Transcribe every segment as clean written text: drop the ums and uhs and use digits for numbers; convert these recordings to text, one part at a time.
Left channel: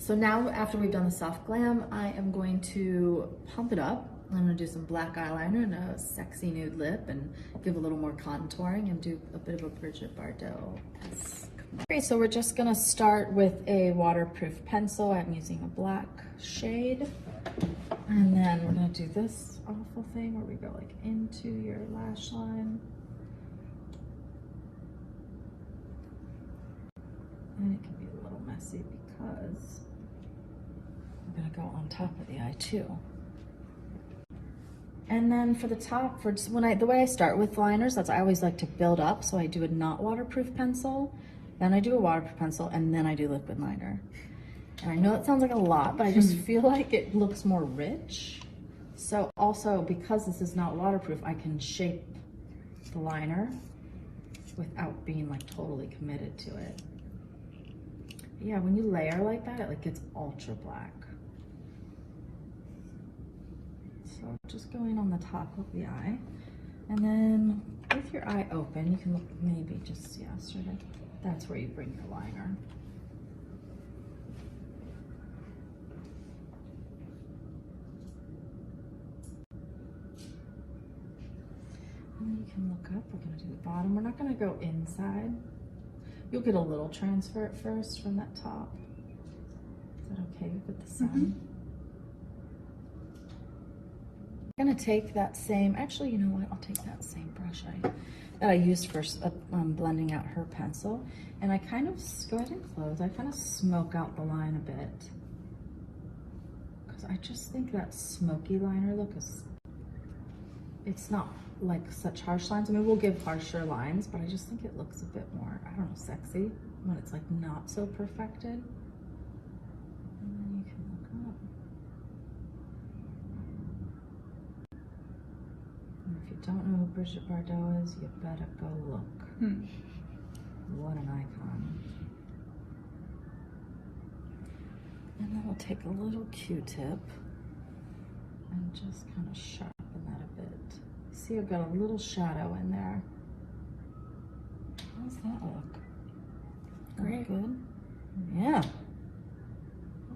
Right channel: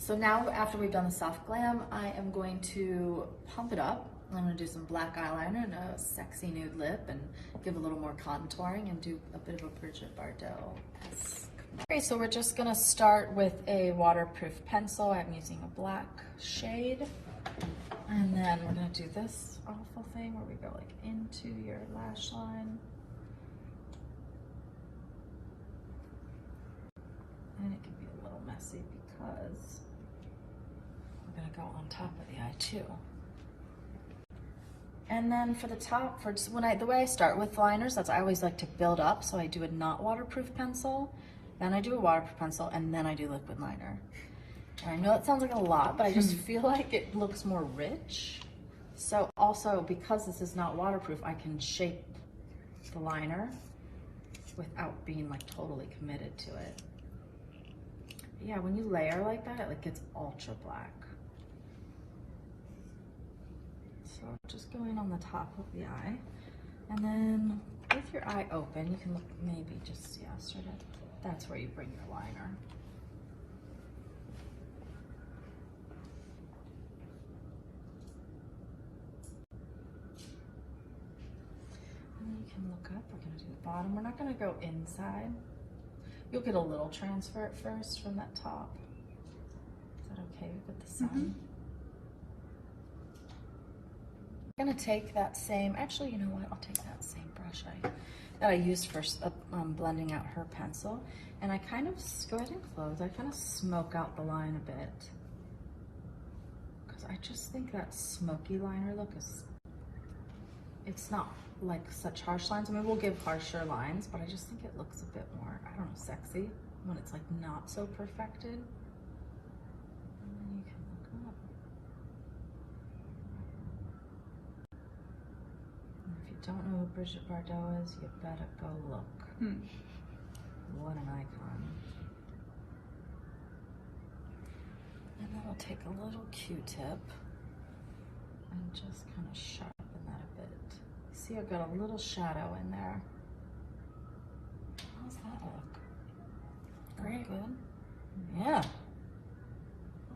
So now after we've done the soft glam, I am going to pump it up. I'm gonna do some black eyeliner and a sexy nude lip and give a little more contouring and do a bit of a Bridget Bardot-esque. Okay, so we're just gonna start with a waterproof pencil. I'm using a black shade. And then we're gonna do this awful thing where we go like into your lash line. And it can be a little messy because we're gonna go on top of the eye too. And then for the top, for just the way I start with liners, I always like to build up. So I do a not waterproof pencil, then I do a waterproof pencil, and then I do liquid liner. And I know it sounds like a lot, but I just feel like it looks more rich. So also, because this is not waterproof, I can shape the liner without being like totally committed to it. But yeah, when you layer like that, it like gets ultra black. So just going on the top of the eye. And then with your eye open, you can look maybe just, yeah, sort of, that's where you bring your liner. And then you can look up, we're gonna do the bottom. We're not gonna go inside. You'll get a little transfer at first from that top. Is that okay with the sun? I'm gonna take that same, actually, you know what? I'll take that same brush that I used for blending out her pencil. And I kind of, go ahead and close, I kind of smoke out the line a bit. Because I just think that smoky liner look is, it's not like such harsh lines. I mean, we'll give harsher lines, but I just think it looks a bit more, I don't know, sexy when it's like not so perfected. And then you can look up. And if you don't know who Bridget Bardot is, you better go look. What an icon. And then we'll take a little Q-tip and just kind of sharpen that a bit. See, I've got a little shadow in there. How does that look? Great. Good? Yeah.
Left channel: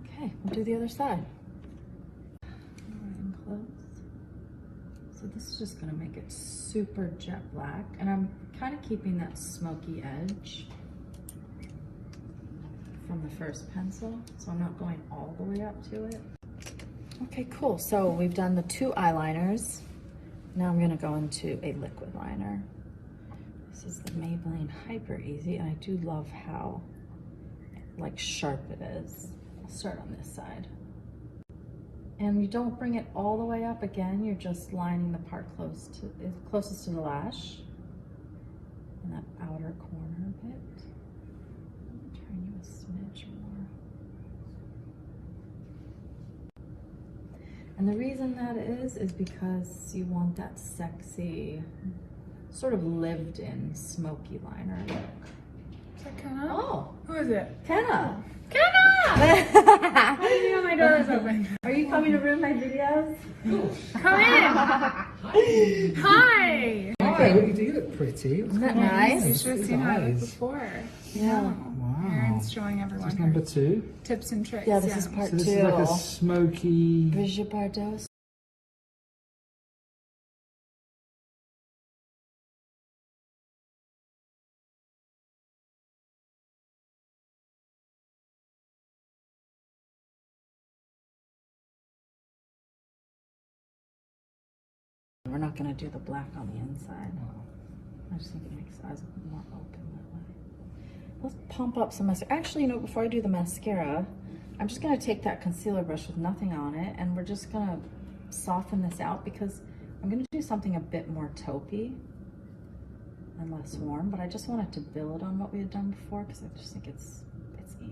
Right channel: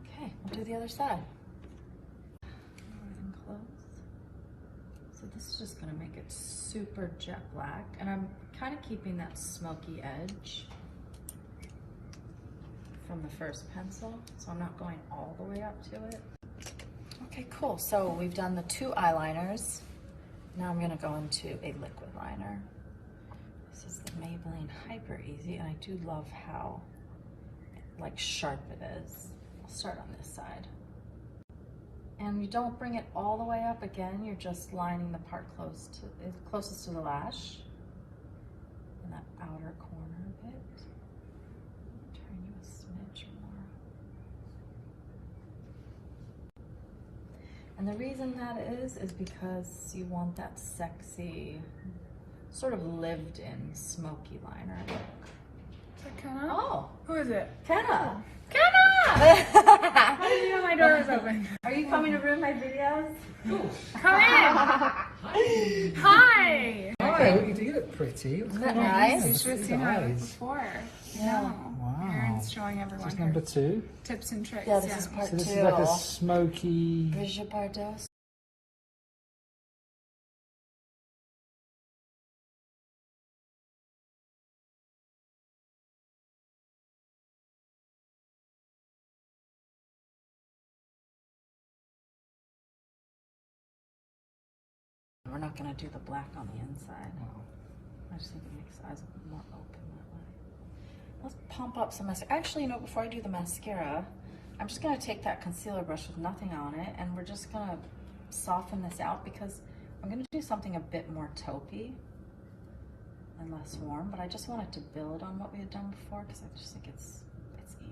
Okay, we'll do the other side. And close. So this is just gonna make it super jet black. And I'm kind of keeping that smoky edge from the first pencil. So I'm not going all the way up to it. Okay, cool. So we've done the two eyeliners. Now I'm gonna go into a liquid liner. This is the Maybelline Hyper Easy, and I do love how like sharp it is. I'll start on this side. And you don't bring it all the way up again, you're just lining the part closest to the lash. And that outer corner a bit. Turn you a smidge more. And the reason that is because you want that sexy, sort of lived-in smoky liner look. Is that Kenna? Oh. Who is it? Kenna! Kenna! I didn't know my door was open. Are you coming to ruin my videos? Come in! Hi! Hi, what you do? You look pretty. Isn't that nice? You should have seen how I look Nice. before. Yeah. Wow. Erin's showing everyone This is her number 2. tips and tricks. Yeah, this is part So this 2. is like a smoky. Bridget Bardot. We're not gonna do the black on the inside. I just think it makes the eyes look more open that way. Let's pump up some mascara. Actually, you know, before I do the mascara, I'm just gonna take that concealer brush with nothing on it, and we're just gonna soften this out because I'm gonna do something a bit more taupey and less warm, but I just wanted to build on what we had done before because I just think it's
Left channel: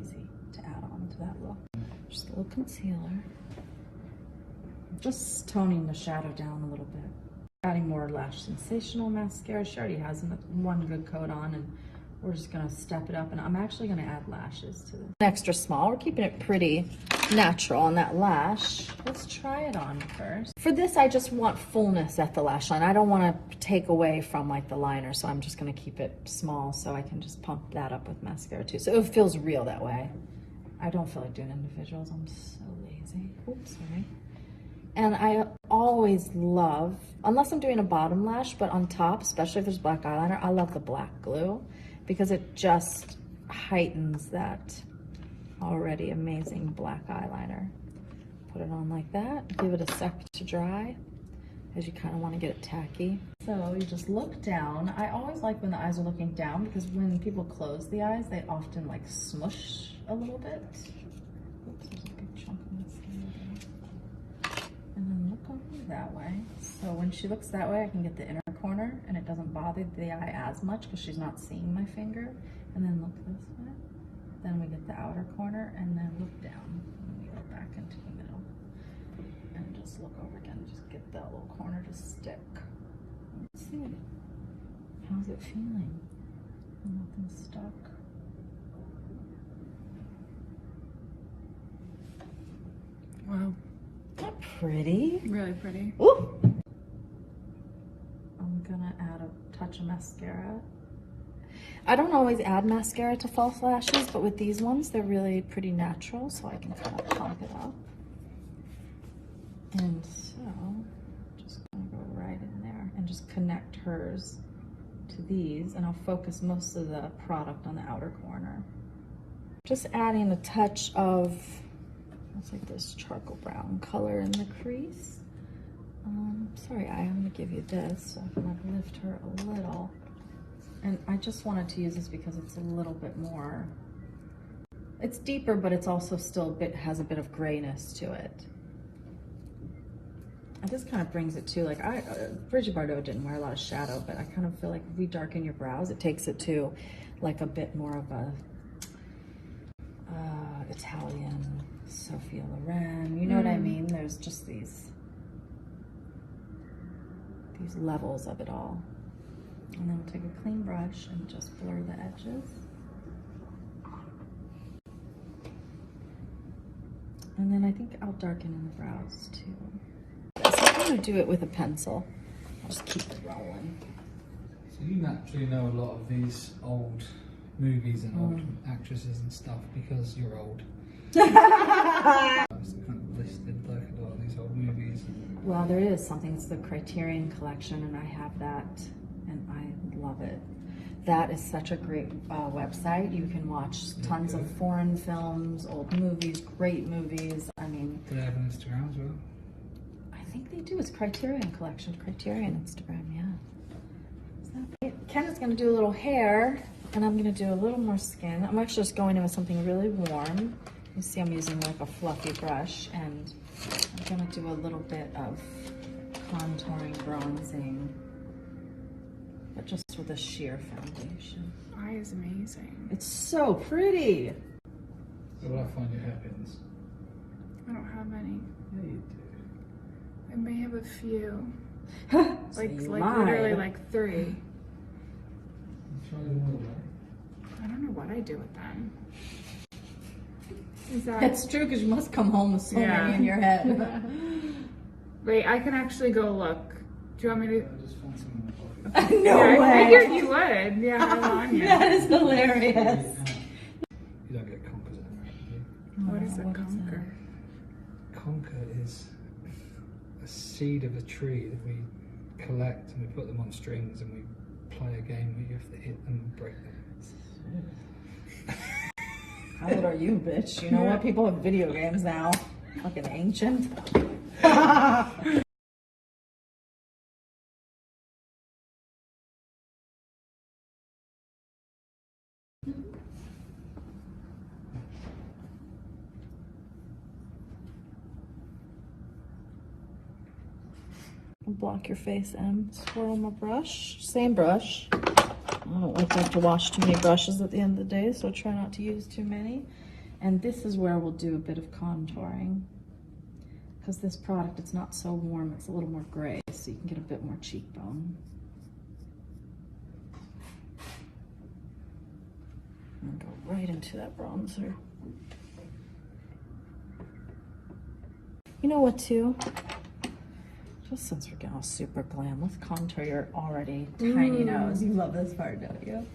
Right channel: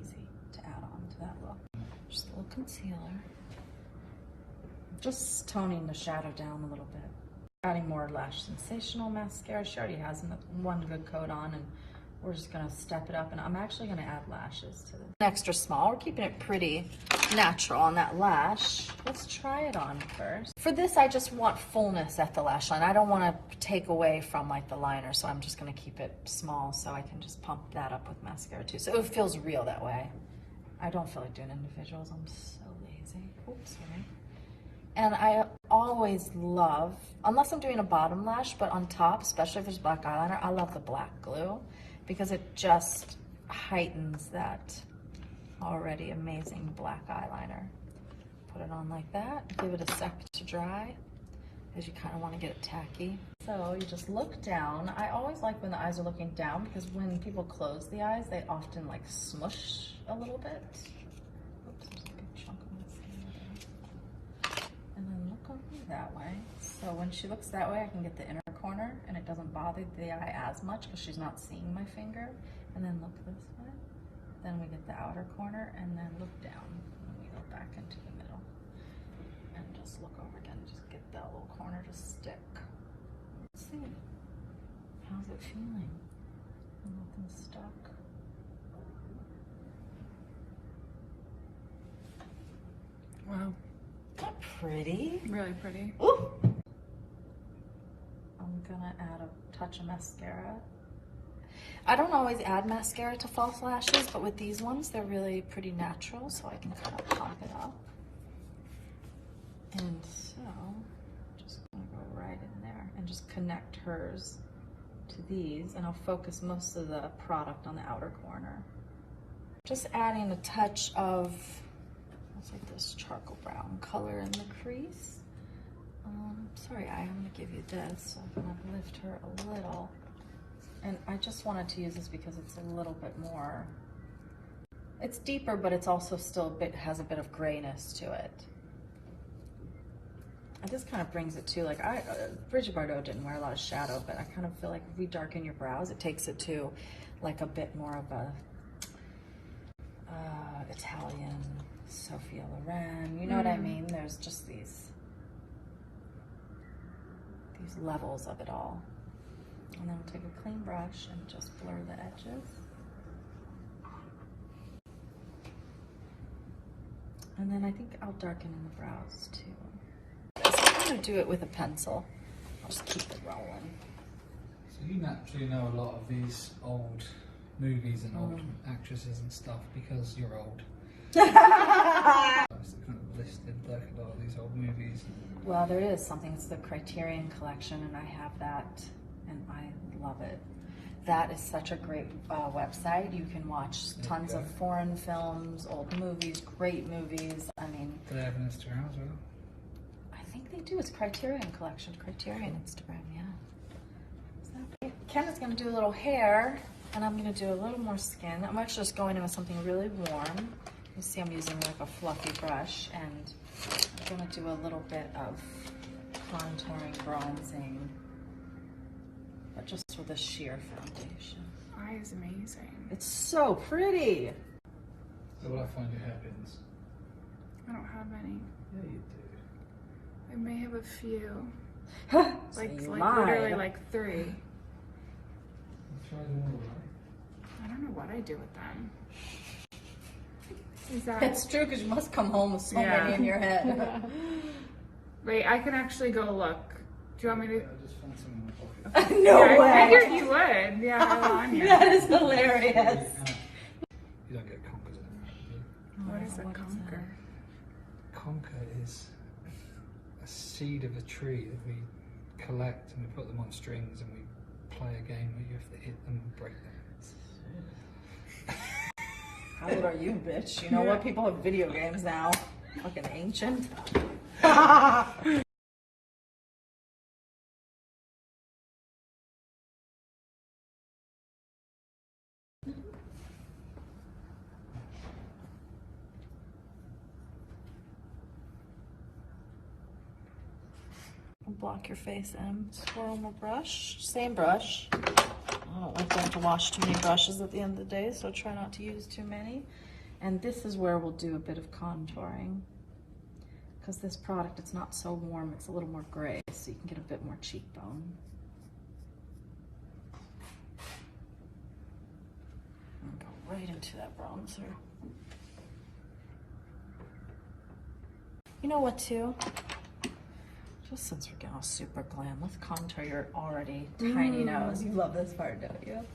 easy to add on to that look. Just a little concealer. Just toning the shadow down a little bit. Adding more Lash Sensational mascara. She already has one good coat on, and we're just gonna step it up. And I'm actually gonna add lashes to this. Extra small. We're keeping it pretty natural on that lash. Let's try it on first. For this, I just want fullness at the lash line. I don't want to take away from like the liner, so I'm just gonna keep it small so I can just pump that up with mascara too. So it feels real that way. I don't feel like doing individuals. I'm so lazy. Oops, sorry. And I always love, unless I'm doing a bottom lash, but on top, especially if there's black eyeliner, I love the black glue because it just heightens that already amazing black eyeliner. Put it on like that, give it a sec to dry, because you kind of want to get it tacky. So you just look down. I always like when the eyes are looking down because when people close the eyes, they often like smush a little bit. Oops, there's a big chunk of mascara there. And then look over that way. So when she looks that way, I can get the inner corner and it doesn't bother the eye as much because she's not seeing my finger. And then look this way. Then we get the outer corner and then look down and we go back into the middle. And just look over again, just get that little corner to stick. Let's see. How's it feeling? Nothing's stuck. Wow. Isn't that pretty? Really pretty. Ooh. I'm gonna add a touch of mascara. I don't always add mascara to false lashes, but with these ones, they're really pretty natural, so I can kind of pump it up. And so, just gonna go right in there and just connect hers to these, and I'll focus most of the product on the outer corner. Just adding a touch of, looks like this charcoal brown color in the crease. Sorry, I'm gonna give you this, so I'm gonna lift her a little. And I just wanted to use this because it's a little bit more, it's deeper, but it's also still a bit, has a bit of grayness to it. And this kind of brings it to, like, Bridget Bardot didn't wear a lot of shadow, but I kind of feel like if we darken your brows, it takes it to like a bit more of a Italian Sophia Loren, you know what I mean? There's just these levels of it all. And then we'll take a clean brush and just blur the edges. And then I think I'll darken in the brows too. So I'm gonna do it with a pencil. I'll just keep it rolling. So you naturally know a lot of these old movies and old actresses and stuff because you're old. It's kind of listed like a lot of these old movies. Well, there is something, it's the Criterion Collection, and I have that, and I love it. That is such a great website. You can watch tons of foreign films, old movies, great movies. I mean, Do they have an Instagram as well? I think they do. It's Criterion Collection, Criterion Instagram, yeah. So, Ken is gonna do a little hair, and I'm gonna do a little more skin. I'm actually just going in with something really warm. You see I'm using like a fluffy brush, and I'm gonna do a little bit of contouring, bronzing, but just with a sheer foundation. Eye is amazing. It's so pretty. So will I find your hairpins? I don't have any. Yeah, you I may have a few. So Like you literally lied. like 3. do. Try them all, right? I don't know what I do with them. Is that It's true because you must come home with so Yeah. many in your head. Wait, I can actually go look. Do you want me to? I just found some in the pocket. No I way. figured you would. Yeah, I'm on here. That is hilarious. You don't get conkers in there, do you? What is a conker? Conker is a seed of a tree that we collect and we put them on strings and we play a game where you have to hit them and break them. How old are you, bitch? You know what? People have video games now. Fucking ancient. Block your face in. Swirl my brush. Same brush. I don't like to have to wash too many brushes at the end of the day, so try not to use too many. And this is where we'll do a bit of contouring. Because this product, it's not so warm, it's a little more gray, so you can get a bit more cheekbone. And go right into that bronzer. You know what, too? Just since we're getting all super glam, let's contour your already tiny nose. You love this part, don't you?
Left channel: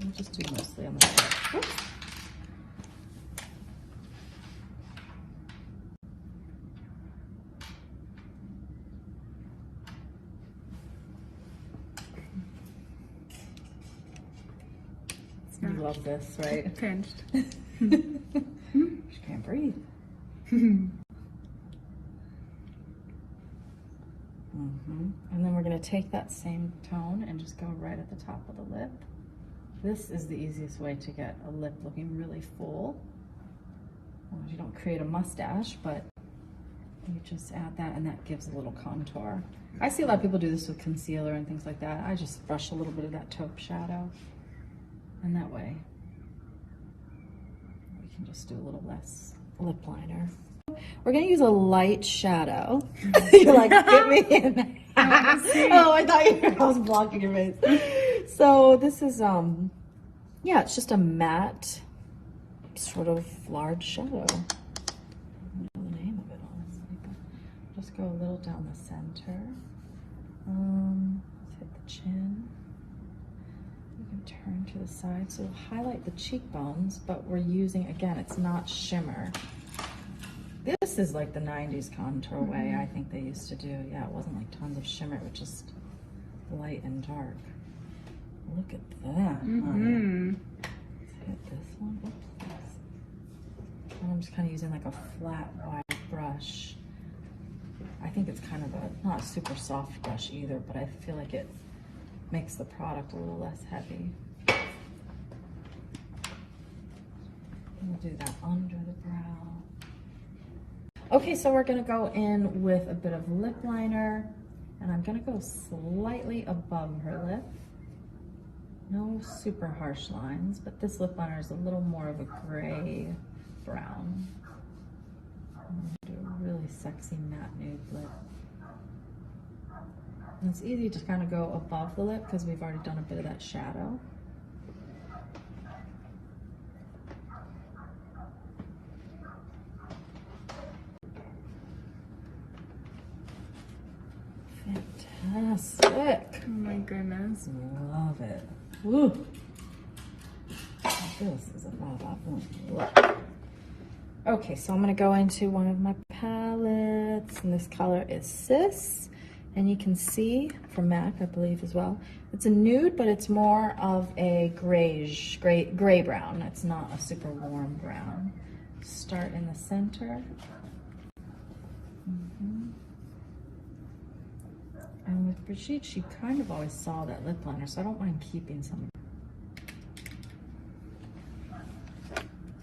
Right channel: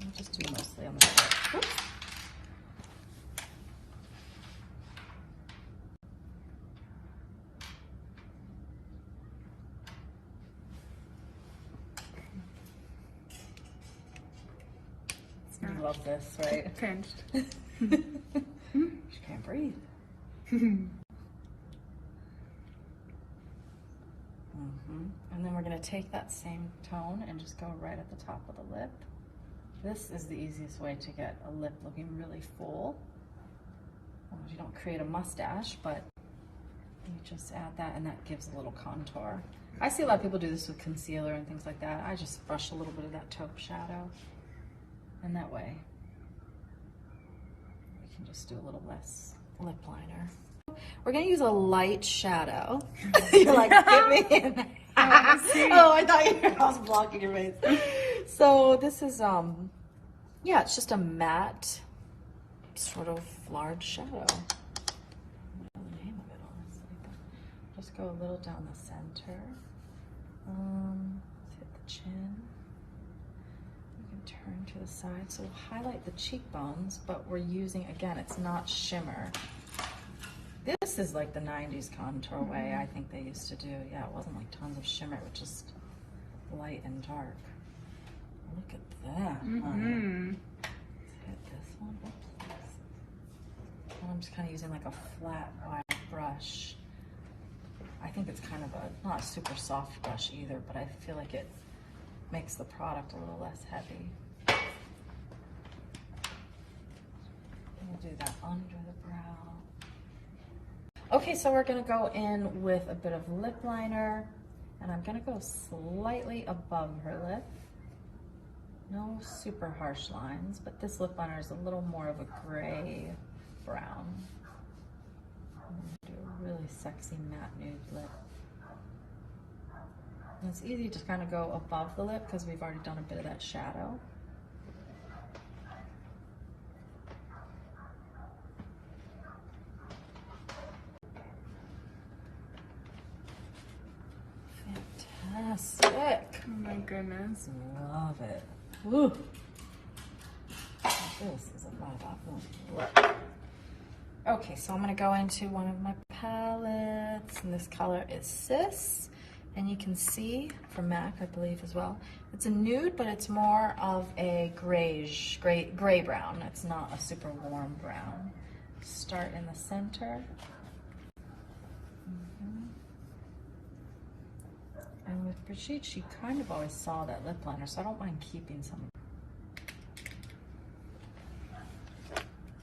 I'll just do mostly on the lip. Oops. You love this, right? Pinched. She can't breathe. And then we're going to take that same tone and just go right at the top of the lip. This is the easiest way to get a lip looking really full. Well, you don't create a mustache, but you just add that and that gives a little contour. I see a lot of people do this with concealer and things like that. I just brush a little bit of that taupe shadow, and that way we can just do a little less lip liner. We're gonna use a light shadow. You're like, get me in. Oh, I thought I was blocking your face. So this is, yeah, it's just a matte, sort of large shadow. I don't know the name of it, honestly, but just go a little down the center. Let's hit the chin. We can turn to the side. So we'll highlight the cheekbones, but we're using, again, it's not shimmer. This is like the 90s contour way I think they used to do. Yeah, it wasn't like tons of shimmer, it was just light and dark. Look at that. Let's hit this one. Oops. And I'm just kind of using like a flat wide brush. I think it's kind of a, not a super soft brush either, but I feel like it makes the product a little less heavy. We'll do that under the brow. Okay, so we're gonna go in with a bit of lip liner, and I'm gonna go slightly above her lip. No super harsh lines, but this lip liner is a little more of a gray brown. I'm gonna do a really sexy matte nude lip. And it's easy to kind of go above the lip because we've already done a bit of that shadow. Fantastic. Oh my goodness. Love it. Woo. This is a lot. Okay, so I'm gonna go into one of my palettes, and this color is Sis, and you can see from MAC, I believe as well. It's a nude, but it's more of a grayish, gray brown. It's not a super warm brown. Start in the center. And with Brigitte, she kind of always saw that lip liner, so I don't mind keeping some.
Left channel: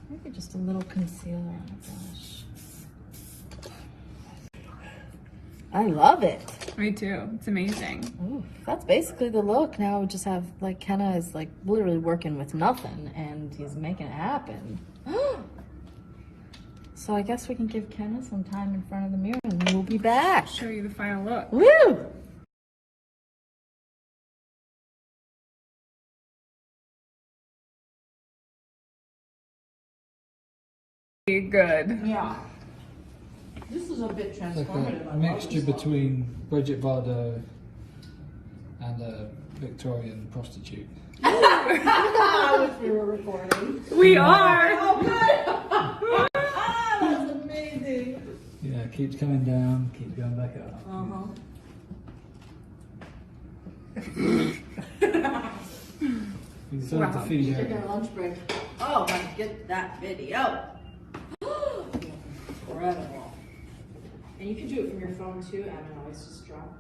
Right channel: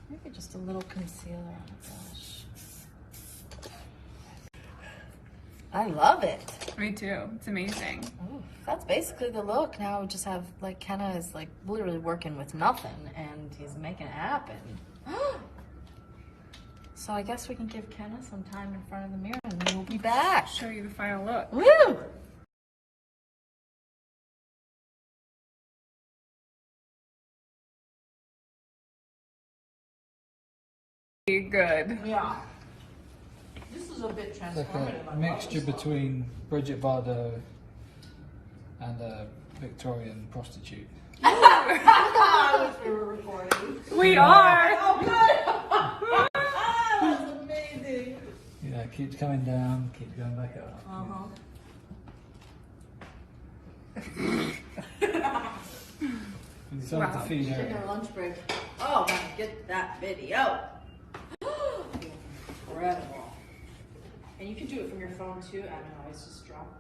Maybe just a little concealer on the brush. I love it. Me too. It's amazing. Ooh, that's basically the look. Now we just have, like, Kenna is like literally working with nothing, and he's making it happen. So I guess we can give Kenna some time in front of the mirror, and then we'll be back. Show you the final look. Woo! Good. Yeah. This is a bit It's like transformative. a mixture between Bridget Bardot and a Victorian prostitute. I wish we were recording. We are. Oh, good. That's amazing. Yeah, it keeps coming down, keeps going back up. You still have to feed her. Taking our lunch break. Oh, let's get that video. Incredible. And you can do it from your phone too. I don't know, it's just dropped.